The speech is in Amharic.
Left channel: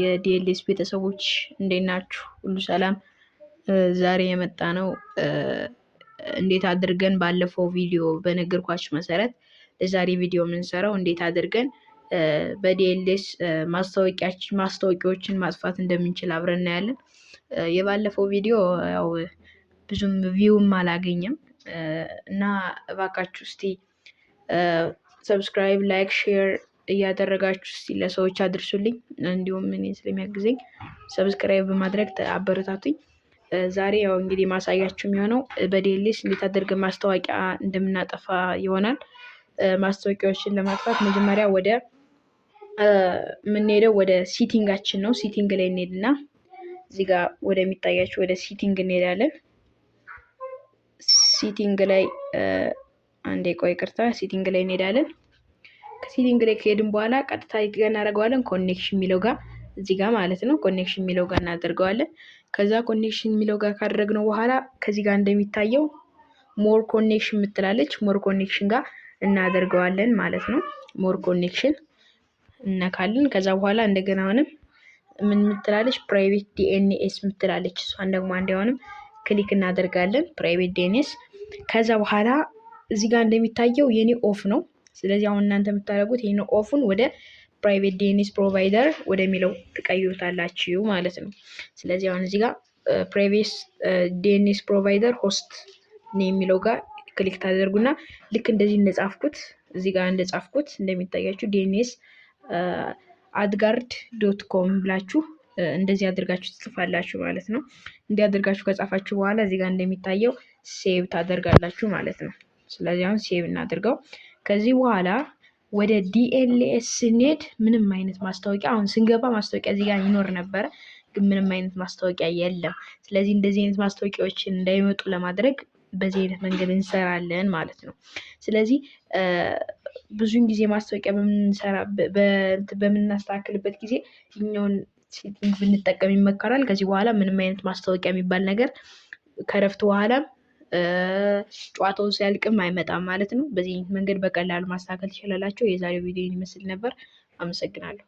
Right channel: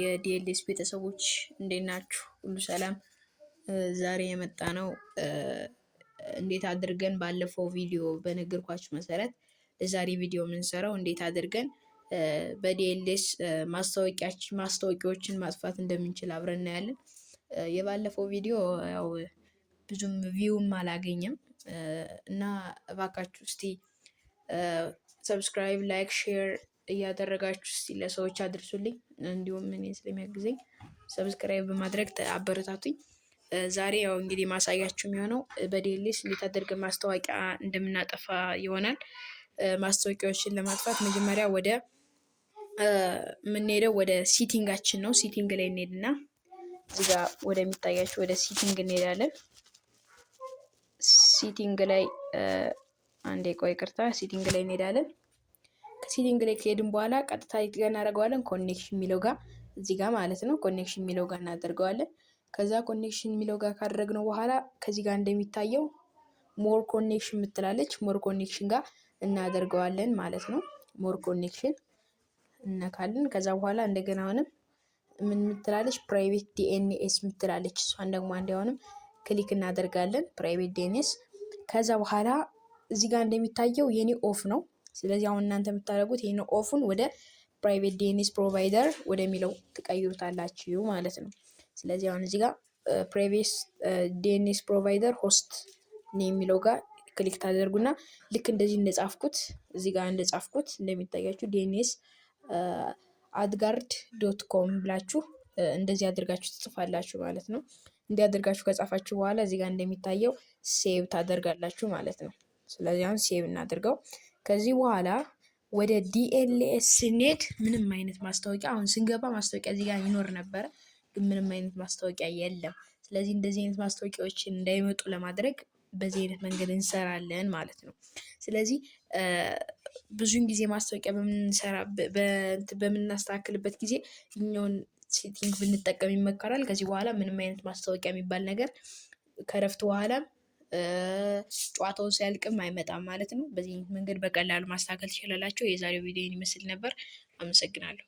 የዲኤልኤስ ቤተሰቦች እንዴት ናችሁ? ሁሉ ሰላም? ዛሬ የመጣ ነው እንዴት አድርገን ባለፈው ቪዲዮ በነገርኳችሁ መሰረት ለዛሬ ቪዲዮ የምንሰራው እንዴት አድርገን በዲኤልኤስ ማስታወቂያዎችን ማጥፋት እንደምንችል አብረን እናያለን። የባለፈው ቪዲዮ ያው ብዙም ቪውም አላገኘም እና እባካችሁ እስቲ ሰብስክራይብ፣ ላይክ፣ ሼር እያደረጋችሁ እስቲ ለሰዎች አድርሱልኝ። እንዲሁም እኔ ስለሚያግዘኝ ሰብስክራይብ በማድረግ አበረታቱኝ። ዛሬ ያው እንግዲህ ማሳያችሁ የሚሆነው በዲኤልኤስ እንዴት አድርገን ማስታወቂያ እንደምናጠፋ ይሆናል። ማስታወቂያዎችን ለማጥፋት መጀመሪያ ወደ የምንሄደው ወደ ሲቲንጋችን ነው። ሲቲንግ ላይ እንሄድና እዚህ ጋር ወደሚታያችሁ ወደ ሲቲንግ እንሄዳለን። ሲቲንግ ላይ አንዴ ቆይ ይቅርታ፣ ሲቲንግ ላይ እንሄዳለን። ከሲቲንግ ላይ ከሄድን በኋላ ቀጥታ እናደርገዋለን ኮኔክሽን የሚለው ጋር እዚህ ጋር ማለት ነው። ኮኔክሽን የሚለው ጋር እናደርገዋለን። ከዛ ኮኔክሽን የሚለው ጋር ካደረግነው በኋላ ከዚህ ጋር እንደሚታየው ሞር ኮኔክሽን የምትላለች ሞር ኮኔክሽን ጋር እናደርገዋለን ማለት ነው። ሞር ኮኔክሽን እነካለን። ከዛ በኋላ እንደገና አሁንም ምን የምትላለች ፕራይቬት ዲኤንኤስ የምትላለች እሷን ደግሞ አንዴውንም ክሊክ እናደርጋለን። ፕራይቬት ዲኤንኤስ። ከዛ በኋላ እዚህ ጋር እንደሚታየው የኔ ኦፍ ነው። ስለዚህ አሁን እናንተ የምታደርጉት ይሄን ኦፉን ወደ ፕራይቬት ዲኤንኤስ ፕሮቫይደር ወደሚለው ትቀይሩታላችሁ ማለት ነው። ስለዚህ አሁን እዚህ ጋር ፕራይቬት ዲኤንኤስ ፕሮቫይደር ሆስት ነው የሚለው ጋር ክሊክ ታደርጉና ልክ እንደዚህ እንደጻፍኩት እዚህ ጋር እንደጻፍኩት እንደሚታያችሁ ዲኤንኤስ adguard.com ብላችሁ እንደዚህ አድርጋችሁ ትጽፋላችሁ ማለት ነው። እንዲህ አድርጋችሁ ከጻፋችሁ በኋላ እዚህ ጋር እንደሚታየው ሴቭ ታደርጋላችሁ ማለት ነው። ስለዚህ አሁን ሴቭ እናድርገው። ከዚህ በኋላ ወደ ዲኤልኤስ ስንሄድ ምንም አይነት ማስታወቂያ አሁን ስንገባ ማስታወቂያ እዚህ ጋር ይኖር ነበረ፣ ግን ምንም አይነት ማስታወቂያ የለም። ስለዚህ እንደዚህ አይነት ማስታወቂያዎችን እንዳይመጡ ለማድረግ በዚህ አይነት መንገድ እንሰራለን ማለት ነው። ስለዚህ ብዙውን ጊዜ ማስታወቂያ በምናስተካክልበት ጊዜ እኛውን ሴቲንግ ብንጠቀም ይመከራል። ከዚህ በኋላ ምንም አይነት ማስታወቂያ የሚባል ነገር ከረፍት በኋላም ጨዋታውን ሲያልቅም አይመጣም ማለት ነው። በዚህ መንገድ በቀላሉ ማስተካከል ትችላላችሁ። የዛሬው ቪዲዮ ይመስል ነበር። አመሰግናለሁ።